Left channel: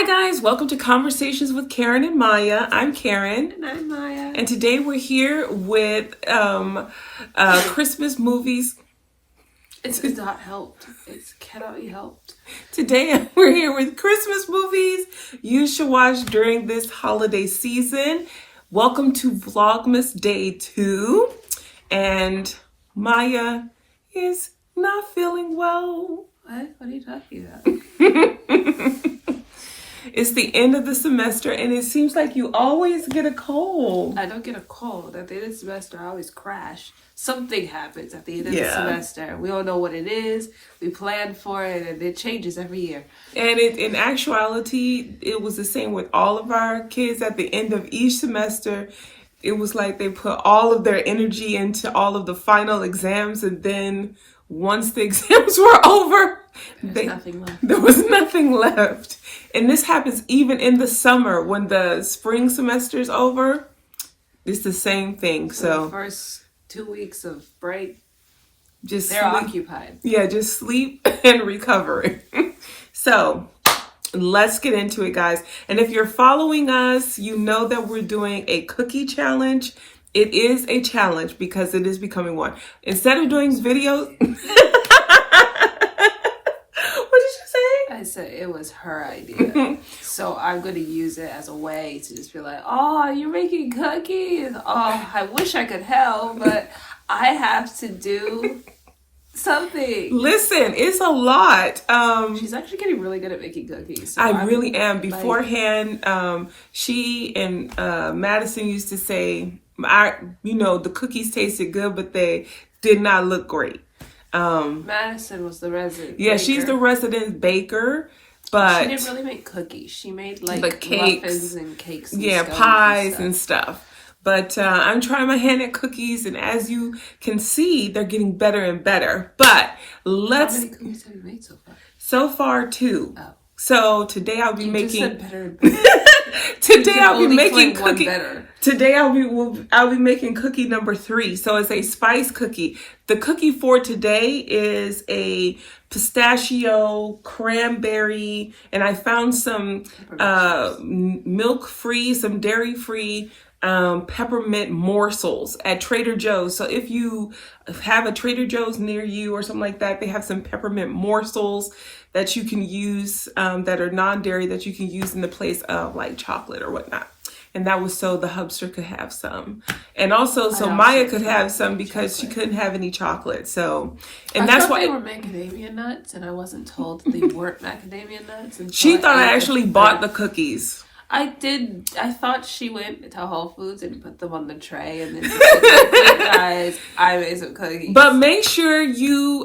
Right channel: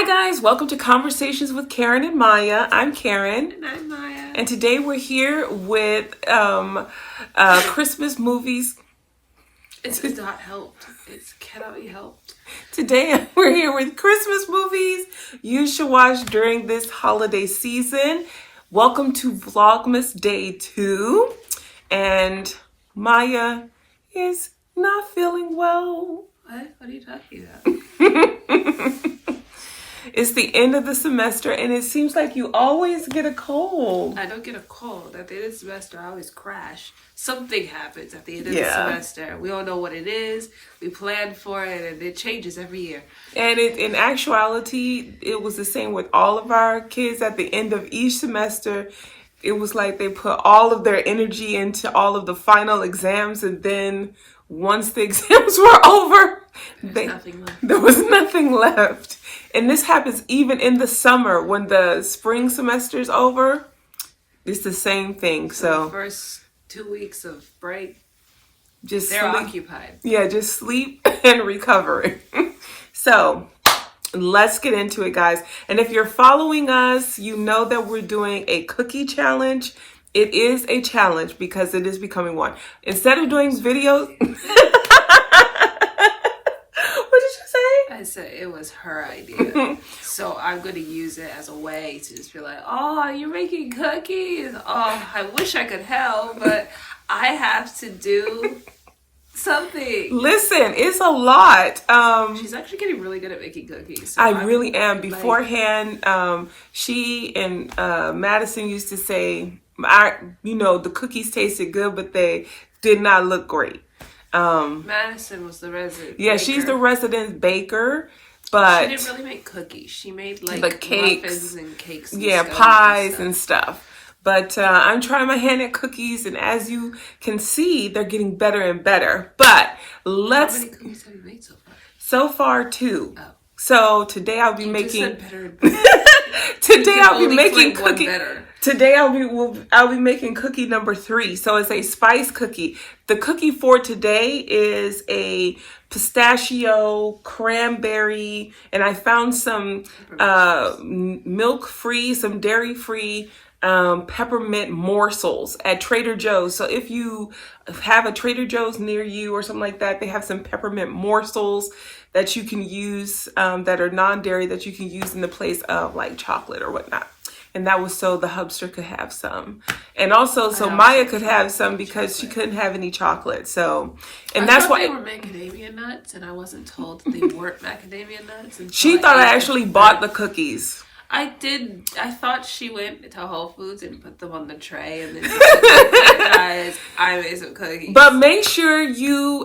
Hi guys, welcome to Conversations with Karen and Maya. I'm Karen. And I'm Maya. And today we're here with Christmas movies. It's not helped. It cannot be helped. Today we're here with Christmas movies you should watch during this holiday season. Welcome to Vlogmas Day 2. And Maya is not feeling well. What? What are you talking about? It's the end of the semester, and it seems like you always get a cold. I don't get a cold. At the end of the semester, I always crash. Something happens at the end of the semester. We don't know what it is. We plan for it, and it changes every year. And in actuality, it was the same with all of our kids. At the end of each semester, it was like they put all of their energy into all of the final exams, and then once the exams were over, there was nothing left. And this happens even in the summer when the spring semester's over. It's the same thing. So the first 2 weeks of break, they're sleep. occupied. Yeah, just sleep and recovery. So let's get into it, guys. And if you're following us, you know that we're doing a cookie challenge. It is a challenge because it is becoming one. Instead of doing videos... I said it was her idea. So I'm going to use it as a way to just be like, oh, you're making cookies? Oh, I wish I could help, but I have to do something. Listen, it's a lot. She's actually getting really good at making cookies. So I really am. Beforehand, she and Madison used to say, the cookies tasted good, but they did not look great. Madison was the resident baker. She's the resident baker, but she didn't really make cookies. She made like muffins and cakes and pies and stuff. But I'm trying my hand at cookies, and as you can see, they're getting better and better. But how many cookies have you made so far? So far 2. Oh. So today I'll be making. Just said better and better. Today I'll be making cookie. Better. Today I'll be making cookie number 3. So it's a spice cookie. The cookie for today is a pistachio, cranberry, and I found some milk-free, some dairy-free peppermint morsels at Trader Joe's. So if you have a Trader Joe's near you or something like that, they have some peppermint morsels that you can use that are non-dairy that you can use in the place of like chocolate or whatnot. And that was so the hubster could have some. And also so Maya could have some because she couldn't have any chocolate. So, and that's why they were macadamia nuts, and I wasn't told they weren't macadamia nuts. And she thought I actually bought the cookies. I did. I thought she went to Whole Foods and put them on the tray and then just said, guys, I made some cookies. But make sure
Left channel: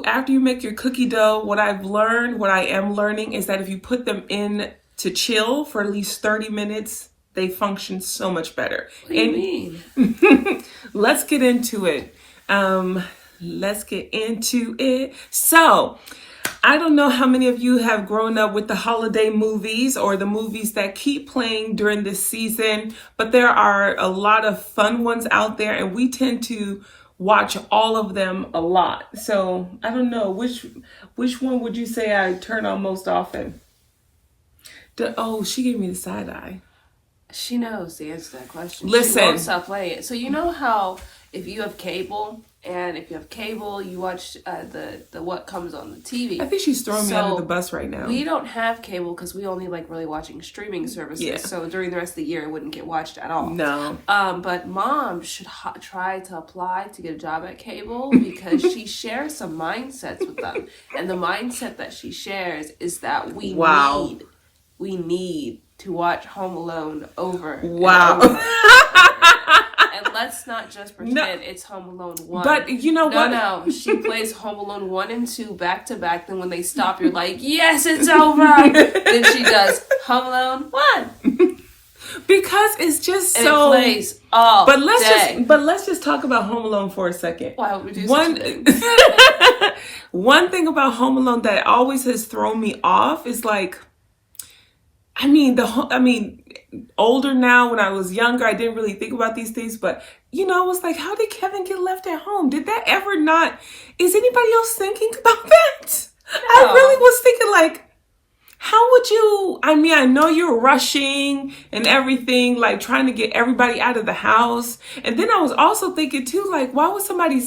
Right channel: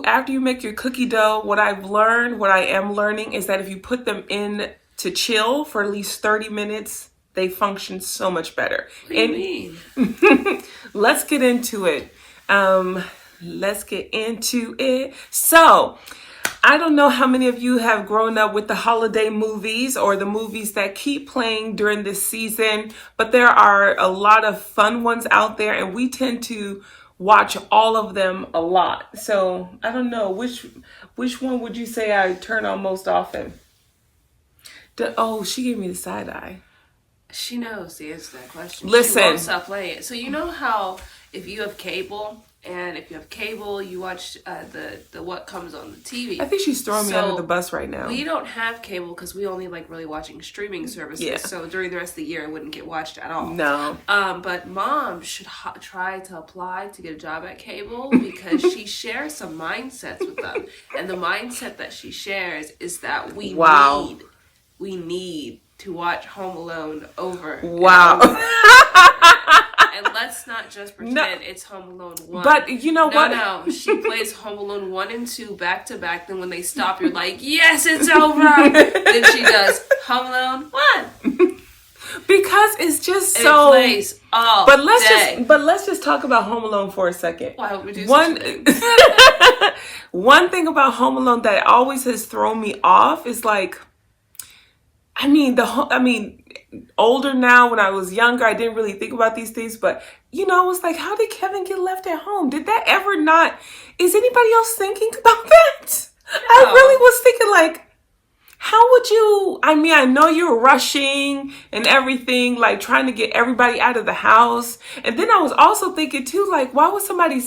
after you make your cookie dough, what I am learning is that if you put them in to chill for at least 30 minutes, they function so much better. What do you mean? Let's get into it. So, I don't know how many of you have grown up with the holiday movies or the movies that keep playing during this season, but there are a lot of fun ones out there, and we tend to watch all of them a lot. So I don't know, which one would you say I turn on most often? She gave me the side eye. She knows the answer to that question. Listen. She won't stop playing it. So you know how if you have cable, you watch the what comes on the TV. I think she's throwing me under the bus right now. We don't have cable because we only like really watching streaming services. Yeah. So during the rest of the year, it wouldn't get watched at all. No. But mom should try to apply to get a job at cable because she shares some mindsets with them, and the mindset that she shares is that we need to watch Home Alone over and over. And let's not just pretend it's Home Alone 1. But you know what? No. She plays Home Alone 1 and 2 back to back. Then when they stop, you're like, yes, it's over. Then she does Home Alone 1. Because it's just and so... it plays all day. But let's just talk about Home Alone for a second. Why would we do such a thing? One thing about Home Alone that always has thrown me off is like... older now, when I was younger, I didn't really think about these things, but, I was like, how did Kevin get left at home? Did that ever not, is anybody else thinking about that? No. I really was thinking like, how would you, I mean, I know you're rushing and everything, like trying to get everybody out of the house. And then I was also thinking too, like, why would somebody,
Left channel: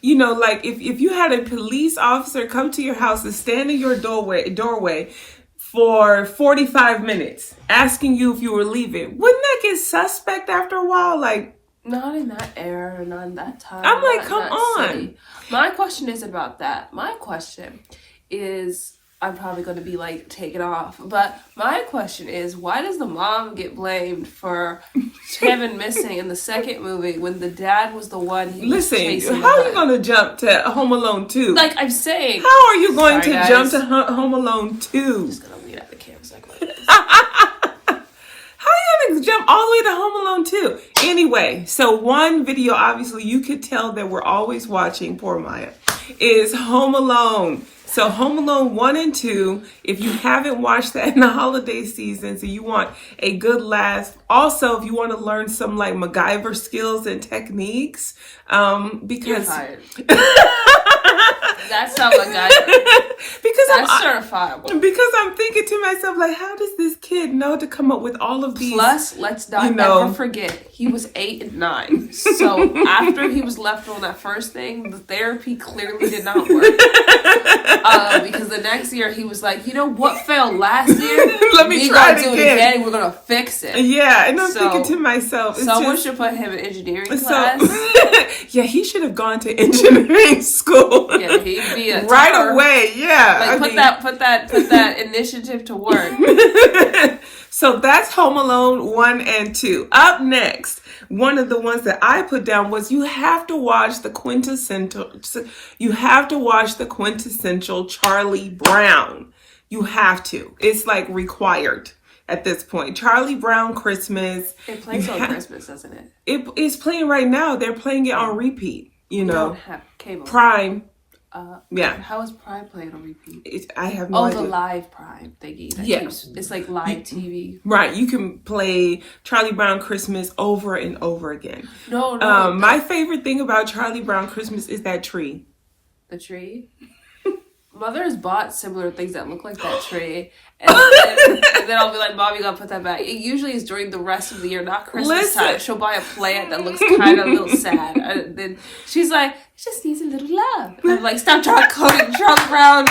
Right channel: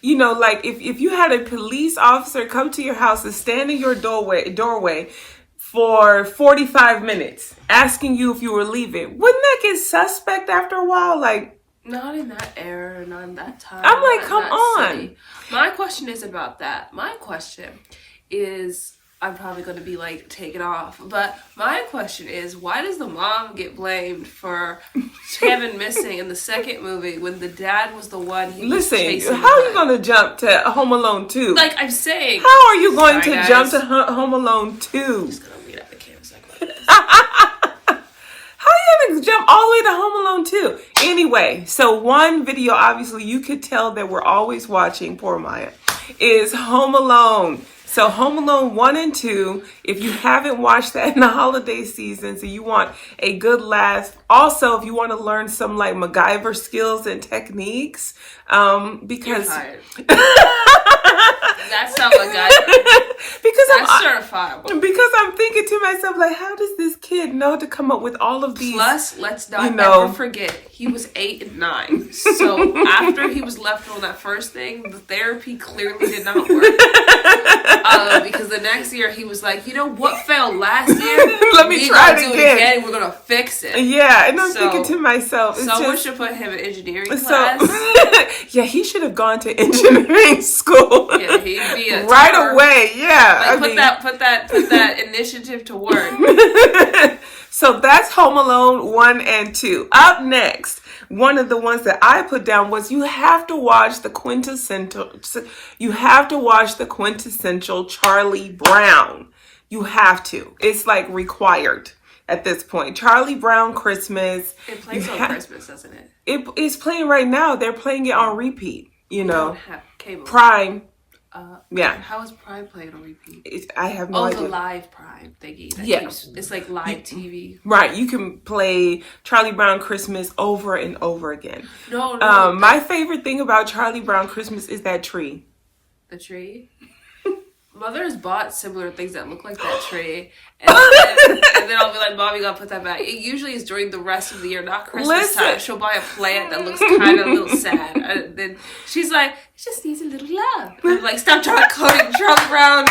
you know, like if you had a police officer come to your house and stand in your doorway for 45 minutes asking you if you were leaving, wouldn't that get suspect after a while? Like, not in that era, not in that time. I'm like, come on. City. My question is about that. My question is, I'm probably going to be like taken off, but my question is, why does the mom get blamed for Kevin missing in the second movie when the dad was the one he was chasing? How are you going to jump to Home Alone 2? Like I'm saying, how are you going to jump to Home Alone 2? I'm just going to lean up the camera so How are you going to jump all the way to Home Alone 2? Anyway, so one video, obviously you could tell that we're always watching, poor Maya, is Home Alone. So Home Alone 1 and 2, if you haven't watched that in the holiday season, so you want a good laugh. Also, if you want to learn some like MacGyver skills and techniques, because you're tired. That's not MacGyver. Because that's certifiable. Because I'm thinking to myself, like, how does this kid know to come up with all of these? Plus, let's not ever forget, he was 8 and 9. So after he was left on that first thing, the therapy clearly did not work. Because the next year he was like, you know what failed last year? Let me try to do it again. We're gonna fix it. Yeah, and I'm thinking to myself, someone should put him in engineering class. Yeah, he should have gone to engineering school. Yeah, he'd be a right away. Yeah, like put that initiative to work. So that's Home Alone 1 and 2. Up next, one of the ones that I put down was you have to watch the quintessential Charlie Brown. You have to. It's like required at this point. Charlie Brown Christmas. It plays on Christmas, doesn't it? It is playing right now. They're playing it on repeat. You know, don't have cable. Prime. Yeah. How is Prime playing on repeat? I have no idea. The live Prime thingy. It's like live TV. Right. You can play Charlie Brown Christmas over and over again. No. My favorite thing about Charlie Brown Christmas is that tree. The tree? Mother has bought similar things that look like that tree. And then I'll be like, Mom, you gotta put that back. It usually is during the rest of the year, not Christmas time. She'll buy a plant that looks kind of a little sad. And then she's like, it just needs a little love. And I'm like, stop quoting Charlie Brown.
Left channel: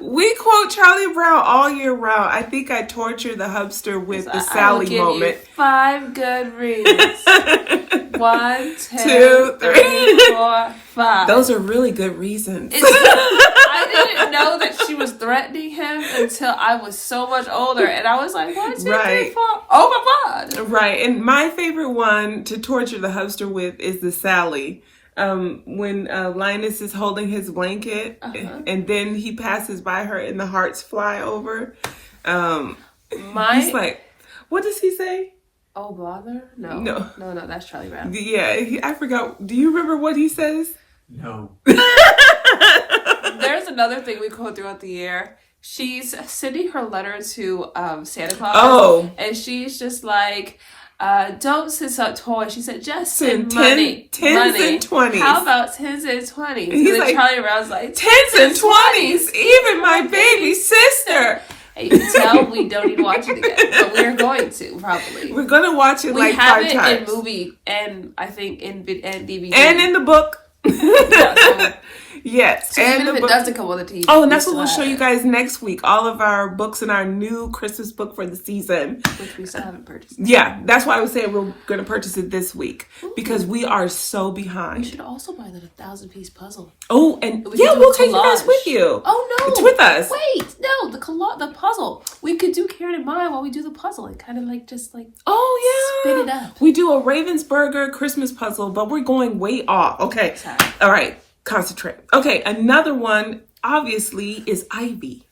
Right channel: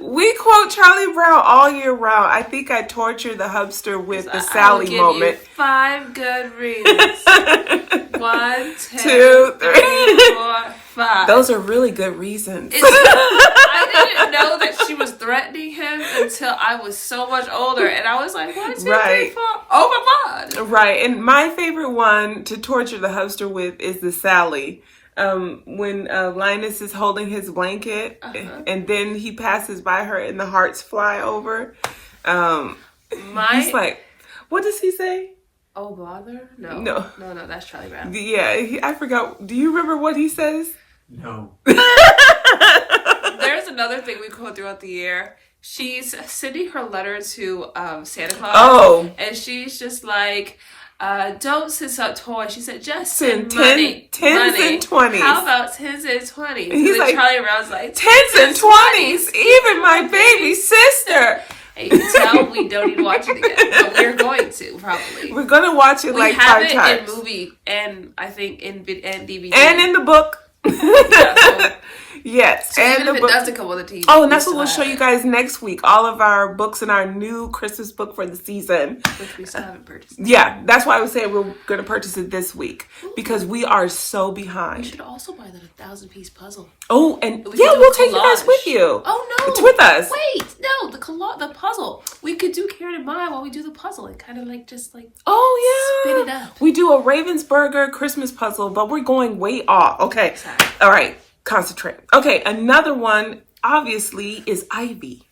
We quote Charlie Brown all year round. I think I tortured the hubster with the Sally moment. I'll give you 5 good reasons. 1, 2, 3, 4, 5. Those are really good reasons. I didn't know that she was threatening him until I was so much older. And I was like, 1, 2, 3, 4. Oh my God. Right. And my favorite one to torture the hubster with is the Sally. When Linus is holding his blanket and then he passes by her and the hearts fly over. He's like, what does he say? Oh, bother? No, that's Charlie Brown. Yeah, I forgot. Do you remember what he says? No. There's another thing we quote throughout the year. She's sending her letter to Santa Claus. Oh. And she's just like, don't send some toys. She said, just send money. 10s and 20s. How about 10s and 20s? And then like, Charlie Brown's like, 10s and 20s, even my baby sister. And you can tell we don't need to watch it again, but we're going to probably. We're going to watch it. We have it in movie and I think in DVD and in the book. Yes. So even if it doesn't come on the TV. Oh, and that's what we'll show you guys next week. All of our books and our new Christmas book for the season. Which we still haven't purchased. Yeah, that's why I was saying we're going to purchase it this week. Because we are so behind. We should also buy that 1,000-piece puzzle. Oh, and we'll take you guys with you. Oh, no. It's with us. Wait, no, the puzzle. We could do Karen and Maya while we do the puzzle and kind of like just like spin it up. We do a Ravensburger Christmas puzzle, but we're going way off. Okay. Sorry. All right. Concentrate. Okay, another one obviously is Ivy.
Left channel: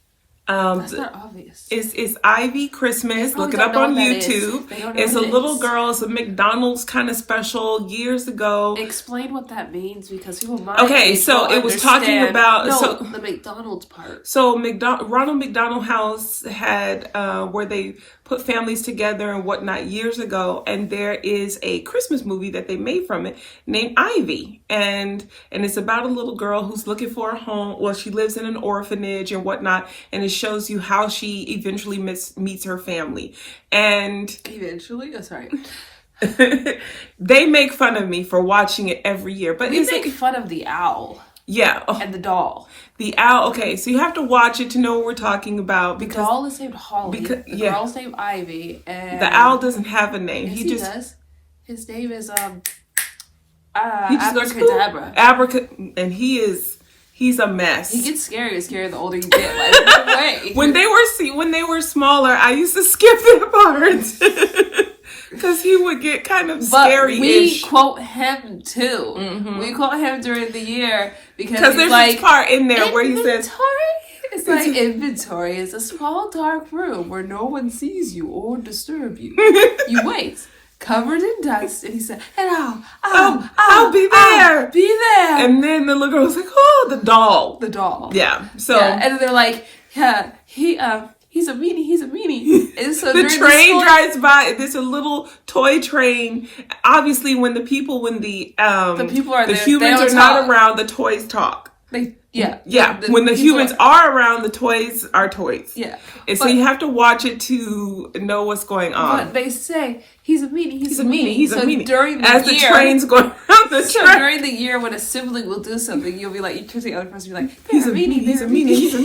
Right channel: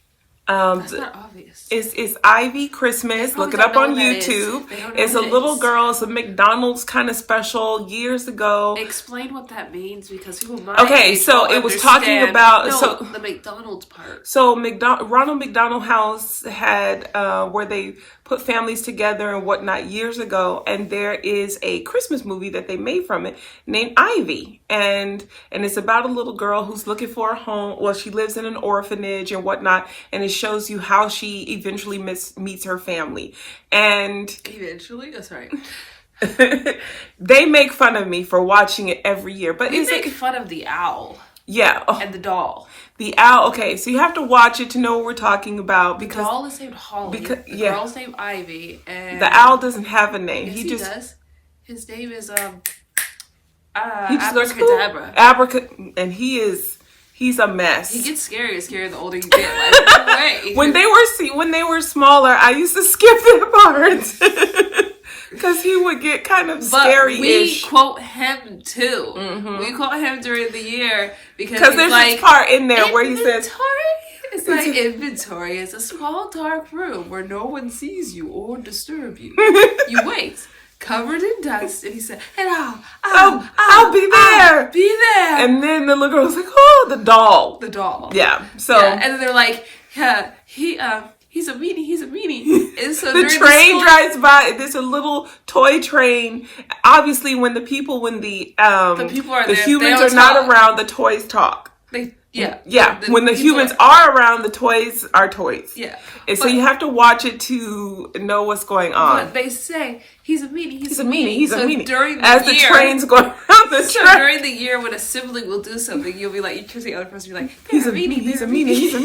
That's not obvious. It's Ivy Christmas. Look it up on YouTube. It's a little girl. It's a McDonald's kind of special years ago. Explain what that means because people might. Okay, so it was talking about the McDonald's part. So Ronald McDonald House had where they put families together and whatnot years ago, and there is a Christmas movie that they made from it named Ivy. and it's about a little girl who's looking for a home. Well, she lives in an orphanage and whatnot, and it shows you how she eventually meets her family. And eventually, oh, sorry. They make fun of me for watching it every year, but we make fun of the owl. Yeah. Oh, and the doll. The owl. Okay, so you have to watch it to know what we're talking about. The doll is named Holly. The girl's named Ivy. And the owl doesn't have a name. Yes, he does. His name is Abracadabra. And he's a mess. He gets scarier the older you get. Like, no way. When they were smaller, I used to skip that part. Because he would get kind of scary. But we quote him too. Mm-hmm. We quote him during the year because he's there's like, this part in there where he says, it's like, inventory is a small dark room where no one sees you or disturb you. You wait, covered in dust, and he said, "And I'll be there, be there." And then the little girl was like, "Oh, the doll." Yeah. So and then they're like, "Yeah, he's a meanie. And so the train drives by. There's a little toy train. Obviously, when the people are there, humans are not around, the toys talk. When the humans are around, the toys are toys. Yeah. And so you have to watch it to know what's going on. But they say he's a meanie. He's a meanie. During the as year, the train's going around the train. During the year, when a sibling will do something, you'll be like, you can see the other person be like, he's a meanie. He's a meanie.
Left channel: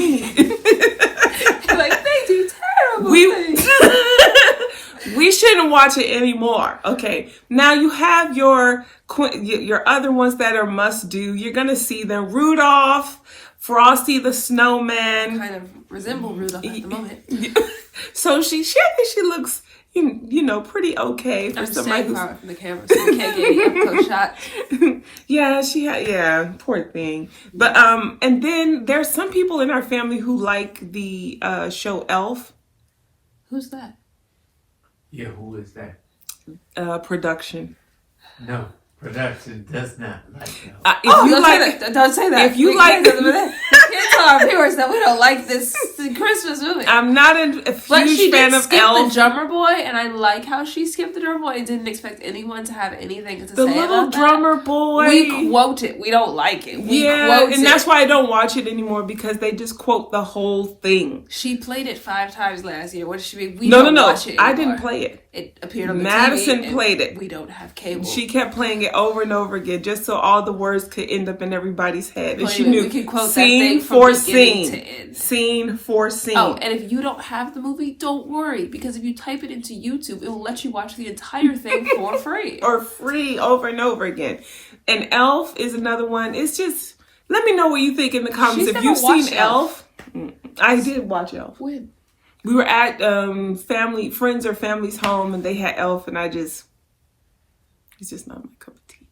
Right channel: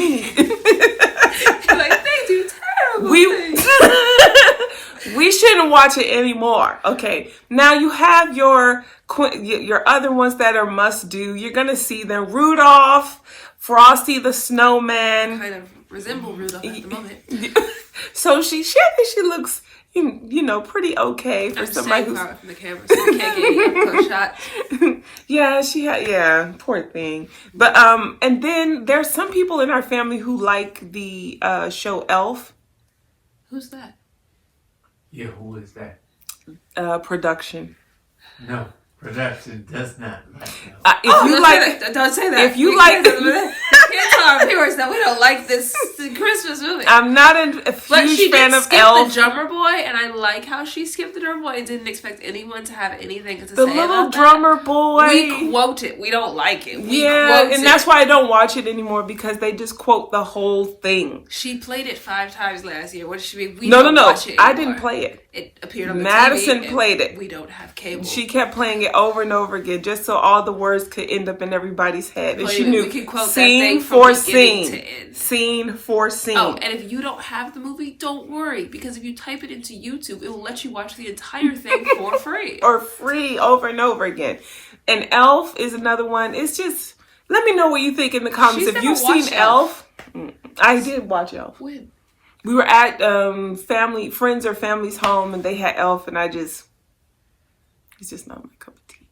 Like, they do terrible things. We shouldn't watch it anymore. Okay, now you have your other ones that are must do. You're gonna see them: Rudolph, Frosty the Snowman. Kind of resemble Rudolph at the moment. So she looks, pretty okay for somebody. I'm far away from the camera, so we can't get any up-close shots. Yeah, poor thing. But and then there's some people in our family who like the show Elf. Who's that? Yeah, who is that? Production. No, production does not like Elf. Don't say that. If you like can't tell our viewers that we don't like this Christmas movie. I'm not a huge but she fan did of skip Elf. the drummer boy, and I like how she skipped the drummer boy. I didn't expect anyone to have anything to say about that. The little drummer boy. We quote it. We don't like it. We quote it. And that's why I don't watch it anymore, because they just quote the whole thing. She played it 5 times last year. What did she mean? We don't watch it anymore. I didn't play it. It appeared on the Madison TV. played it. We don't have cable. She kept playing it over and over again, just so all the words could end up in everybody's head. And she knew we could quote that thing from beginning to end. Scene for scene. Oh, and if you don't have the movie, don't worry, because if you type it into YouTube, it will let you watch the entire thing for free. Or free over and over again. And Elf is another one. It's just, let me know what you think in the comments. If you've seen Elf. I did watch Elf. When? We were at friends or family's home, and they had Elf, and it's just not my cup of tea.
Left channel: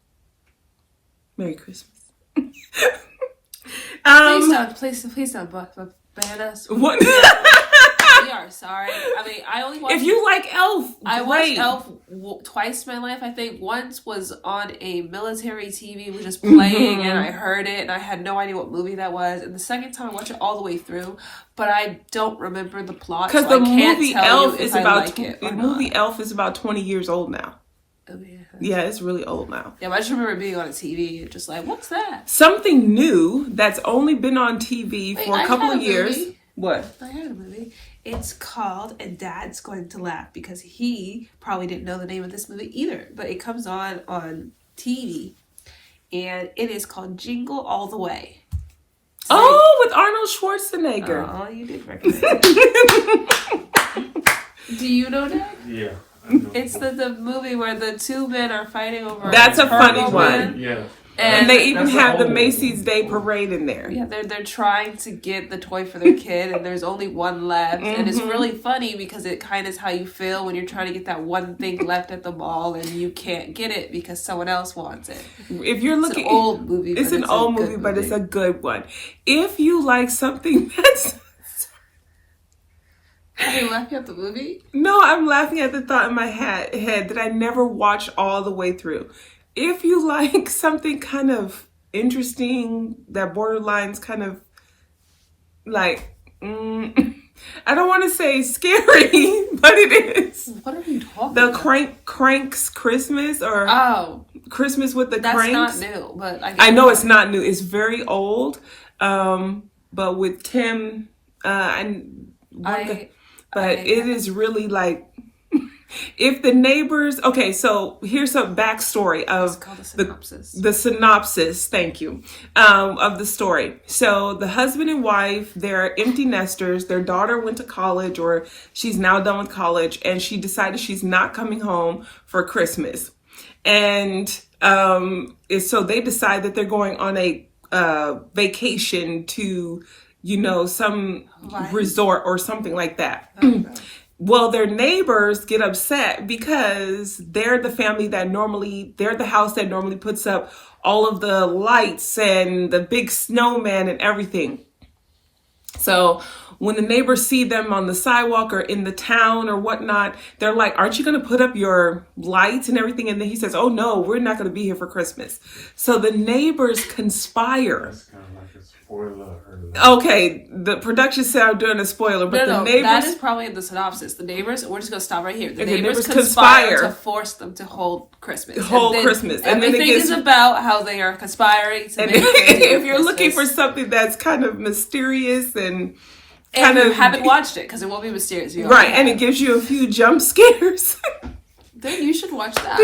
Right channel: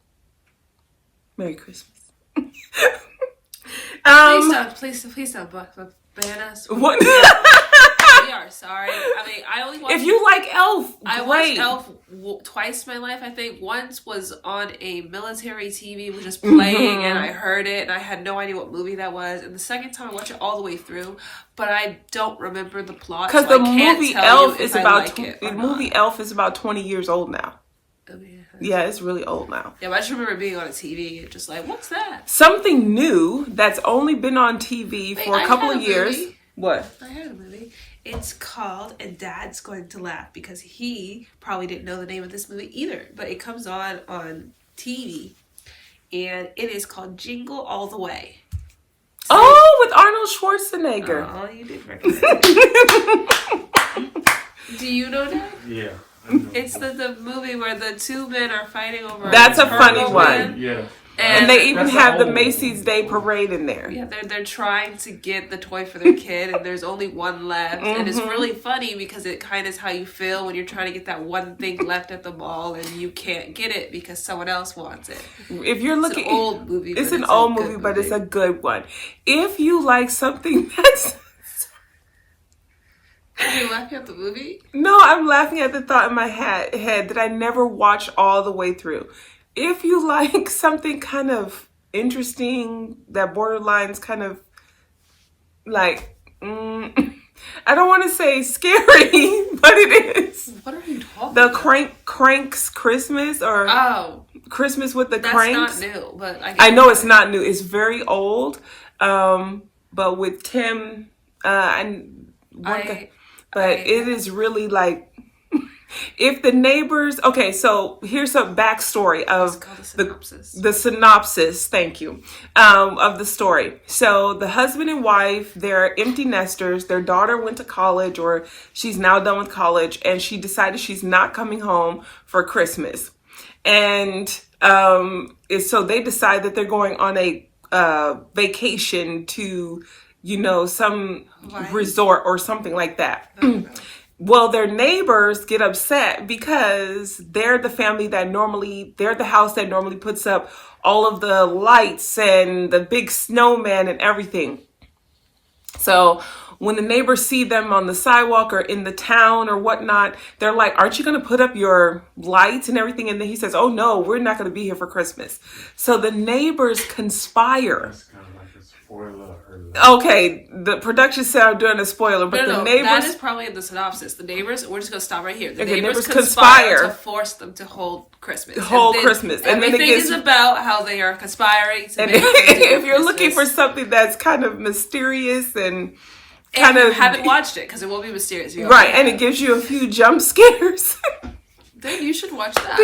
Merry Christmas. Please don't ban us. What? We are sorry. I mean, I only watched. If you like Elf, I watched Elf twice in my life. I think once was on a military TV, was just playing, and I heard it, and I had no idea what movie that was. And the second time, I watched it all the way through, but I don't remember the plot, so I can't tell you if I like it or not. The movie Elf is about 20 years old now. Oh, yeah. Yeah, it's really old now. Yeah, but I just remember being on a TV and just like, what's that? Something new that's only been on TV for a couple of years. Movie. What? I had a movie. It's called And Dad's Going to Laugh, because he probably didn't know the name of this movie either, but it comes on TV, and it is called Jingle All the Way. So with Arnold Schwarzenegger. Oh, you did recognize it. Do you know that? Yeah. It's the movie where the two men are fighting over. That's a funny one. Yeah. And they even have the Macy's Day Parade in there. Yeah, they're trying to get the toy for their kid, and there's only one left. And it's really funny because it kind of is how you feel when you're trying to get that one thing left at the mall and you can't get it because someone else wants it. If you're looking, it's an old movie. It's an old movie, but it's a good one. If you like something that's... Are you laughing at the movie? No, I'm laughing at the thought in my head that I never watched all the way through. If you like something kind of interesting, that borderline's kind of like, I don't want to say scary, but it is. What are you talking about? The Crank's Christmas, or Christmas with the That's Cranks. not new, but I know it's not new. It's very old. But with Tim, it is really like, if the neighbors, okay, so here's a backstory of the synopsis, thank you, of the story. So the husband and wife, they're empty nesters. Their daughter went to college, or she's now done with college, and she decided she's not coming home for Christmas. And so they decide that they're going on a vacation to, some resort or something like that. Well, their neighbors get upset because they're the house that normally puts up all of the lights and the big snowman and everything. So when the neighbors see them on the sidewalk or in the town or whatnot, they're like, aren't you going to put up your lights and everything? And then he says, oh no, we're not going to be here for Christmas. So the neighbors conspire. That's kind of like a spoiler. Okay, the production said I'm doing a spoiler, but the neighbors... that is probably in the synopsis. The neighbors, we're just going to stop right here. The neighbors conspire to force them to hold Christmas. Christmas. Everything is about how they are conspiring to make if you're looking for something that's kind of mysterious and you haven't watched it, because it won't be mysterious. Right, and it gives you a few jump scares. Then you should watch that.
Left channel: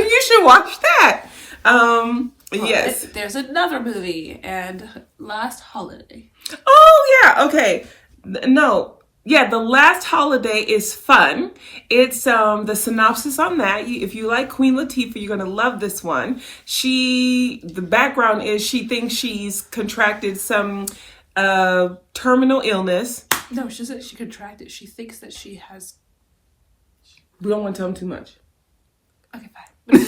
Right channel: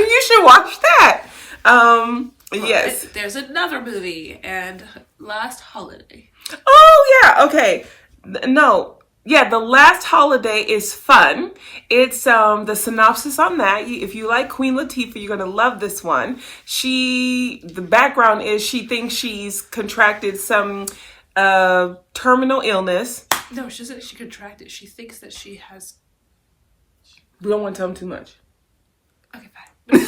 Yes. There's another movie, and Last Holiday. Oh, yeah. Okay. No. Yeah, The Last Holiday is fun. It's the synopsis on that. If you like Queen Latifah, you're going to love this one. The background is she thinks she's contracted some terminal illness. No, she said she contracted. She thinks that she has... We don't want to tell them too much. Okay, fine.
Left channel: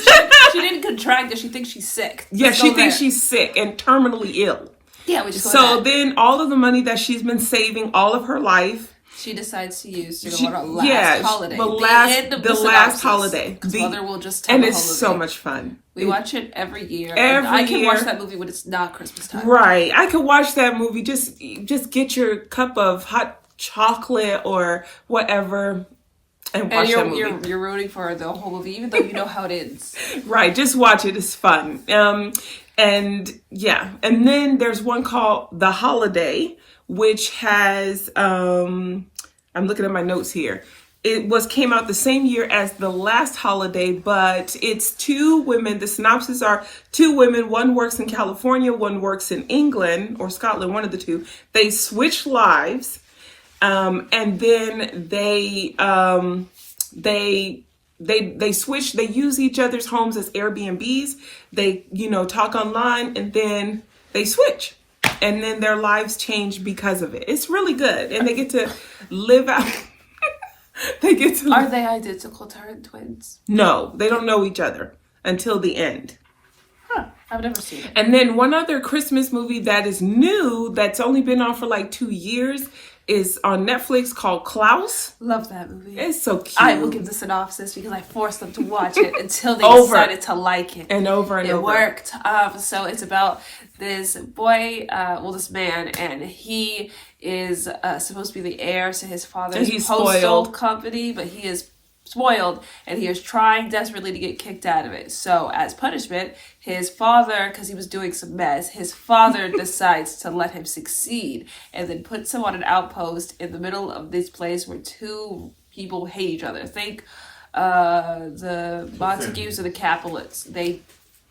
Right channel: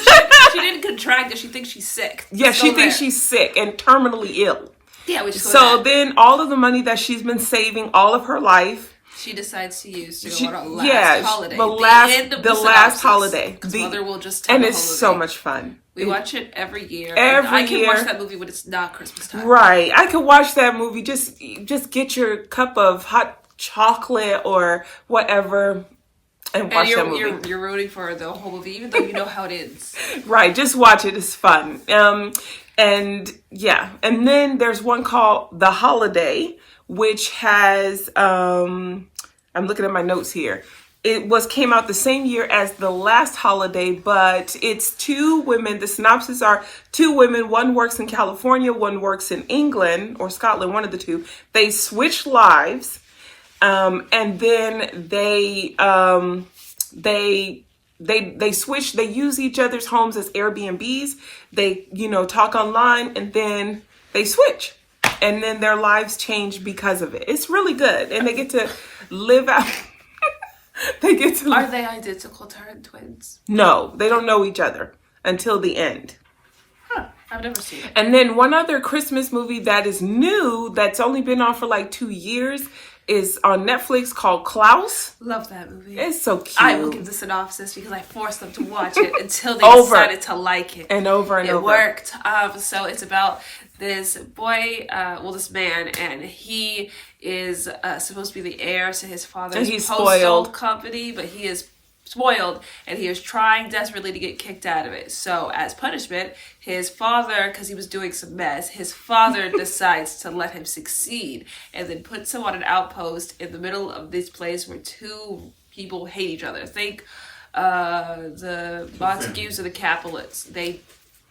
She didn't contract it. She thinks she's sick. Yeah, she thinks she's sick and terminally ill. Yeah, we just go So with that. then all of the money that she's been saving all of her life, she decides to use to go on her last holiday. The end of the last holiday. Because Mother will just tell and the it's holiday. so much fun. We watch it every year. I can watch that movie when it's not Christmas time. Right. I could watch that movie. Just get your cup of hot chocolate or whatever. And you're rooting for the whole movie, even though you know how it ends. Right, just watch it. It's fun. And then there's one called The Holiday, which has I'm looking at my notes here. It came out the same year as The Last Holiday, but it's two women. The synopsis are two women. One works in California, one works in England or Scotland, one of the two. They switch lives. And then they switch, they use each other's homes as Airbnbs. They, talk online, and then they switch, and then their lives change because of it. It's really good. And they get to live out. Are they identical twins? No, they don't know each other until the end. Huh. I've never seen it. And then one other Christmas movie that is new, that's only been on for like 2 years, is on Netflix, called Klaus. Love that movie. It's so cute. I will give the synopsis because I forced them to watch it until they decided to like it. And over and over. It worked. So it's about this boy, this man, and he is supposed to be the heir to his father's postal company, but he is spoiled, and he is trying desperately to get kicked out of it. So as punishment, his father, because he was doing some mess, his father decides to let him succeed and then puts him on an outpost in the middle of this place where two people hate each other. Think the Montagues and the Capulets. They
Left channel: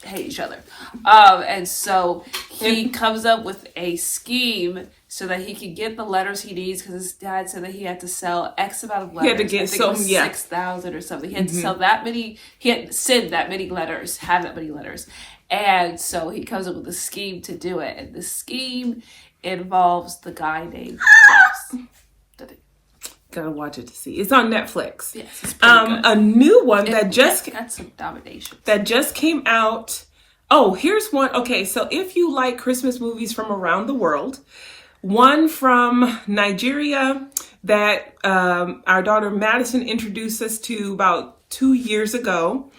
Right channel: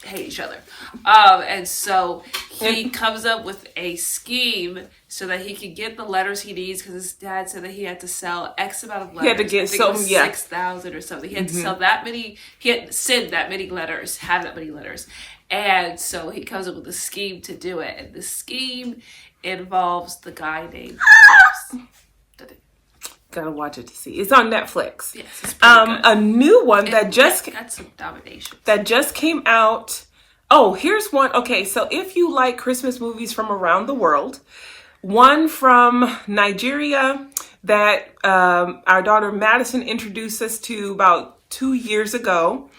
hate each other. And so he comes up with a scheme so that he can get the letters he needs, because his dad said that he had to sell X amount of letters. He had to get 6,000 or something. He had to sell that many, he had to send that many letters, have that many letters. And so he comes up with a scheme to do it. And the scheme involves the guy named Klaus. Gotta watch it to see. It's on Netflix. Yes, it's pretty good. A new one that's some domination. That just came out. Oh, here's one. Okay, so if you like Christmas movies from around the world, one from Nigeria that our daughter Madison introduced us to about 2 years ago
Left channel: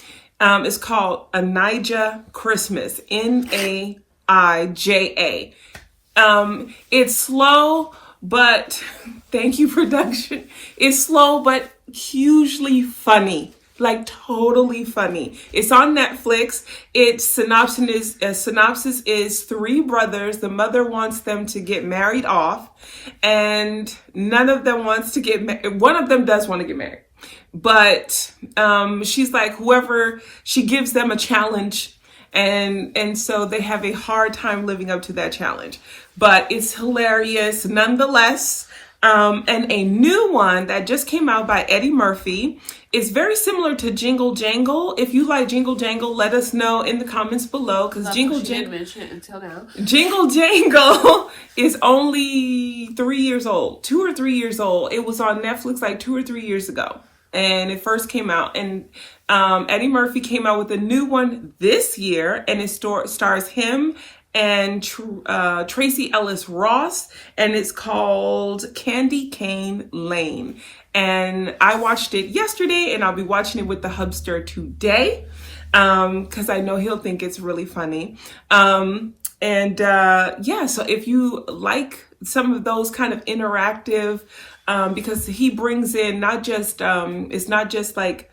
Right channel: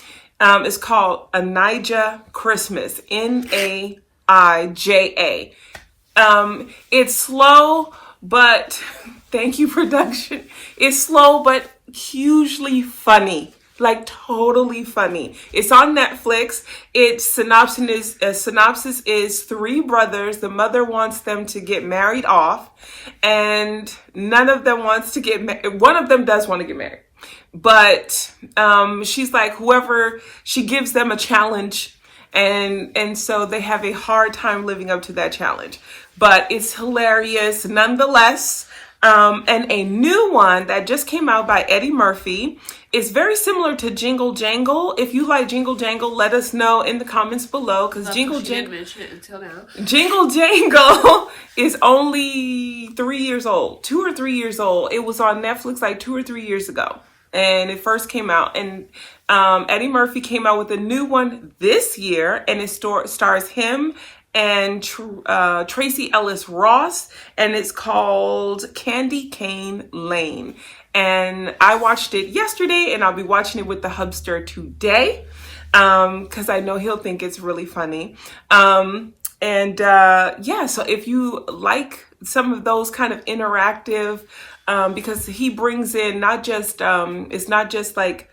is called A Naija Christmas. Naija. It's slow, but thank you, production. It's slow, but hugely funny. like totally funny. It's on Netflix. Its synopsis is three brothers. The mother wants them to get married off, and none of them wants to get married. One of them does want to get married, but she's like, whoever, she gives them a challenge, and so they have a hard time living up to that challenge. But it's hilarious nonetheless. And a new one that just came out by Eddie Murphy is very similar to Jingle Jangle. If you like Jingle Jangle, let us know in the comments below, because Jingle Jangle, didn't mention it until now. Jingle Jangle is only 3 years old, 2 or 3 years old. It was on Netflix like 2 or 3 years ago, and it first came out. And Eddie Murphy came out with a new one this year, and it stars him and Tracy Ellis Ross, and it's called Candy Cane Lane. And I watched it yesterday, and I'll be watching it with the hubster today, because I know he'll think it's really funny. Yeah, so if you like some of those kind of interactive, because he brings in not just, it's not just like,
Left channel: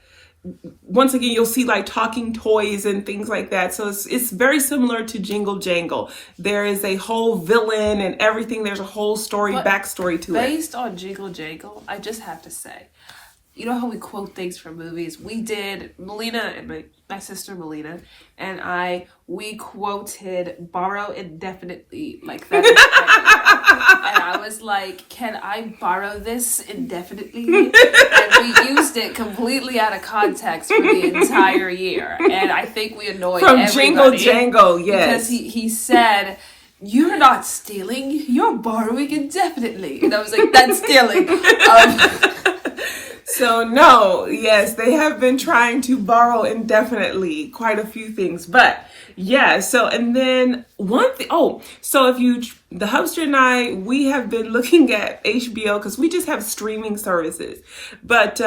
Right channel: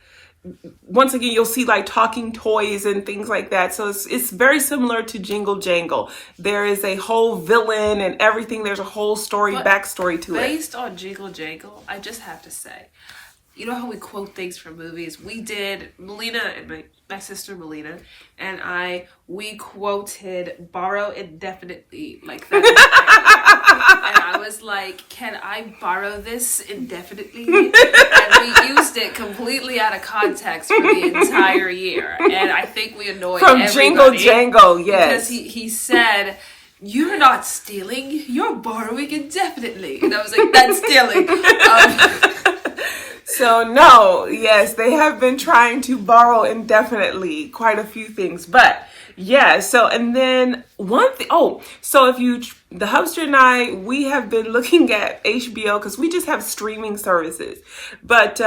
once again, you'll see like talking toys and things like that. So it's very similar to Jingle Jangle. There is a whole villain and everything. There's a whole story, backstory to it. Based on Jingle Jangle, I just have to say, you know how we quote things from movies? We did, Melina and my sister Melina and we quoted borrow indefinitely like that. And I was like, can I borrow this indefinitely? And we used it completely out of context for the entire year. And I think we annoyed everybody. From Jingle Jangle, yes. Because he said, you're not stealing, you're borrowing indefinitely. And I was like, that's stealing. So no, yes, they have been trying to borrow indefinitely quite a few things, but yeah. So, and then so if you, the hubster and I, we have been looking at HBO because we just have streaming services, but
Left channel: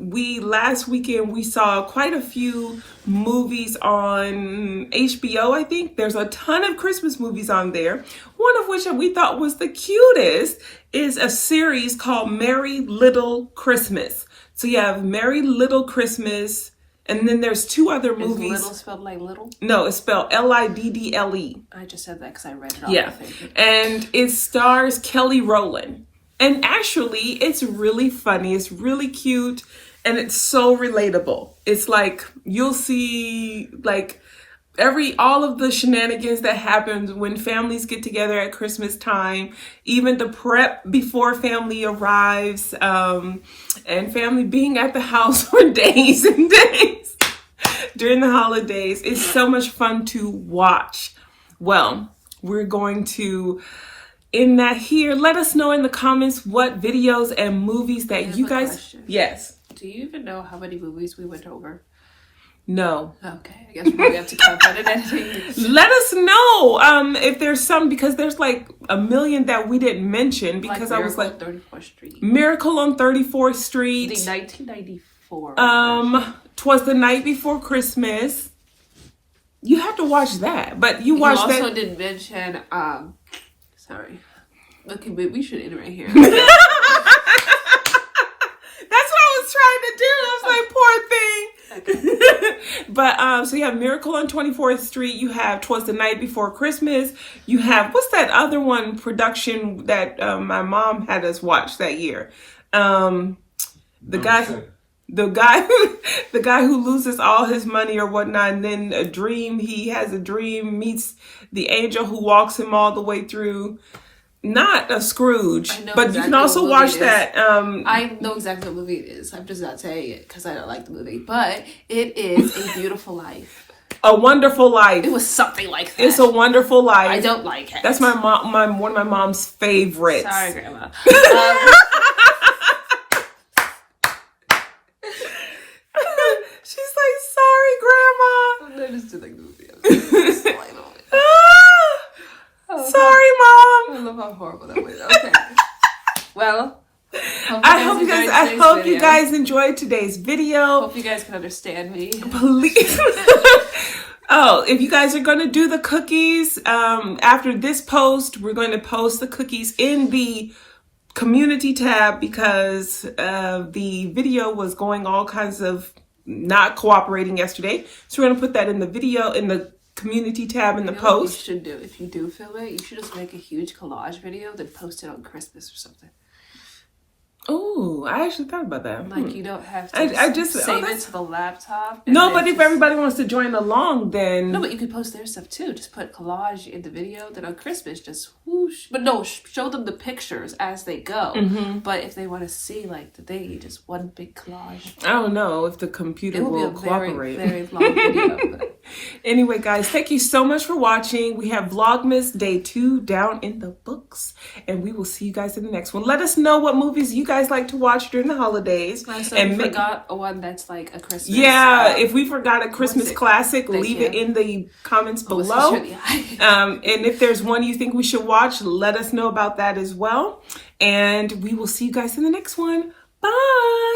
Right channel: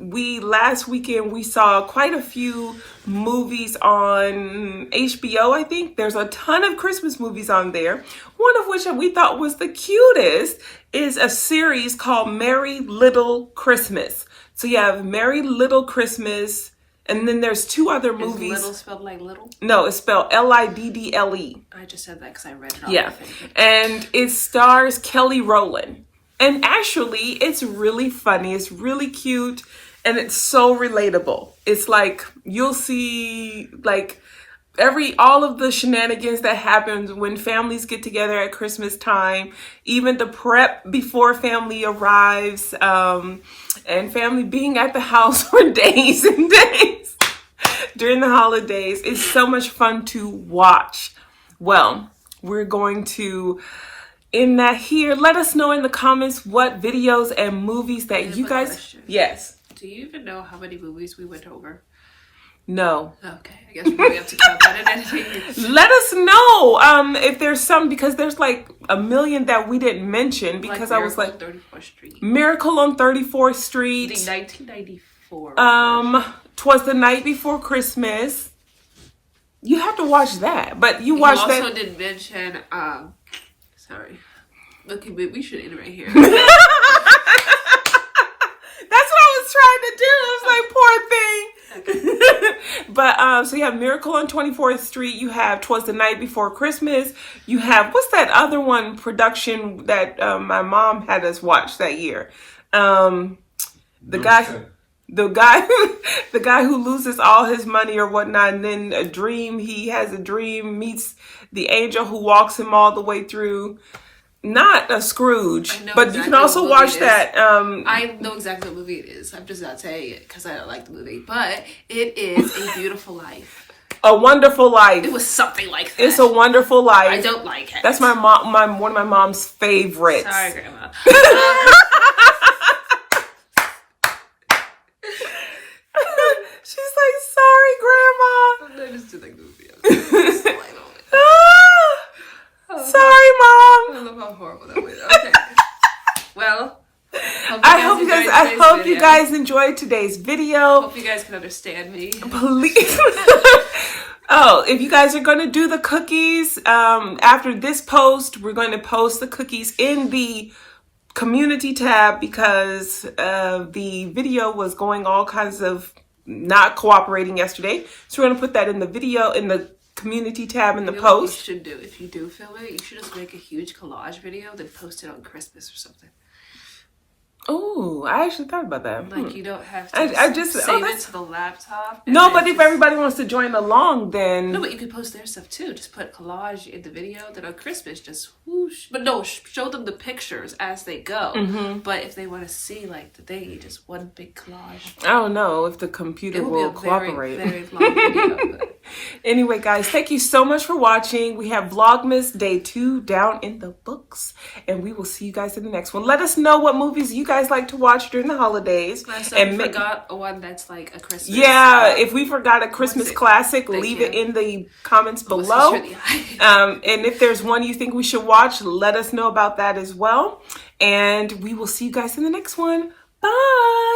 last weekend we saw quite a few movies on HBO. I think there's a ton of Christmas movies on there. One of which we thought was the cutest is a series called Merry Little Christmas. So you have Merry Little Christmas, and then there's two other movies. Is little spelled like little? No, it's spelled Liddle. I just said that because I read it off. Yeah, and it stars Kelly Rowland. And actually, it's really funny. It's really cute. And it's so relatable. It's like, you'll see like all of the shenanigans that happens when families get together at Christmas time, even the prep before family arrives, and family being at the house for days and days during the holidays. It's so much fun to watch. Well, we're going to end that here. Let us know in the comments what videos and movies that you guys... Question. Yes. Do you even know how many movies we went over? No. Okay, I guess we're going to have to count that in editing. Let us know if there's some, because there's like a million that we didn't mention, because like I was like... 34th Street. Miracle on 34th Street. The 1994. 'Twas the Night Before Christmas. You have to watch that, but you watched that... You also didn't mention, sorry. Okay, but we should end right here. That's what I was trying to do. I was like, poor thing. Okay. But so you have Miracle on 24th Street. You have 'Twas the Night Before Christmas. You have, what's that other one production that my mom had us watch that year? The guy who loses all his money or whatnot, and then he has a dream, meets the angel who walks him all the way through. Not a Scrooge, but exactly, you can also watch that. I know exactly what movie it is. I'm just not saying it because I don't like the movie. But it is A Beautiful Life. A Wonderful Life. It was something like that. It's A Wonderful Life. I don't like it. That's my mom. One of my mom's favorites. Sorry, Grandma. She's like, sorry, Grandma. I just did like the movie. Sorry, Mom. I love how horrible that was. Okay. Well, I hope you guys enjoyed today's video. Hope you guys can understand me. Please. Oh, if you guys are going to do the cookies, after this post, we're going to post the cookies in the community tab, because the video was going all kinds of not cooperating yesterday. So we're going to put that in the video, in the community tab in the You know what you post. should do if you do film it? You should just make a huge collage video, then post it on Christmas or something. Oh, I actually thought about that. Like you don't have to I just save it to the laptop. No, but if everybody wants to join along, then no, but you could post their stuff too. Just put collage in the video. Then on Christmas, just whoosh. But no, show them the pictures as they go. Mm-hmm. But if they want to see like the day, just one big collage. I don't know if the computer will be a cooperate. very long video. But... Anyway, guys, thank you so much for watching. We have Vlogmas Day 2 down in the books, and we will see you guys in the next one. Let us know what movies you guys like to watch during the holidays. So and we forgot a one that's like a Christmas. Yeah, if we forgot a Christmas classic, leave it in the comments below. And if there's one you think we should watch, let us know about that as well. And we will see you guys in the next one. Bye.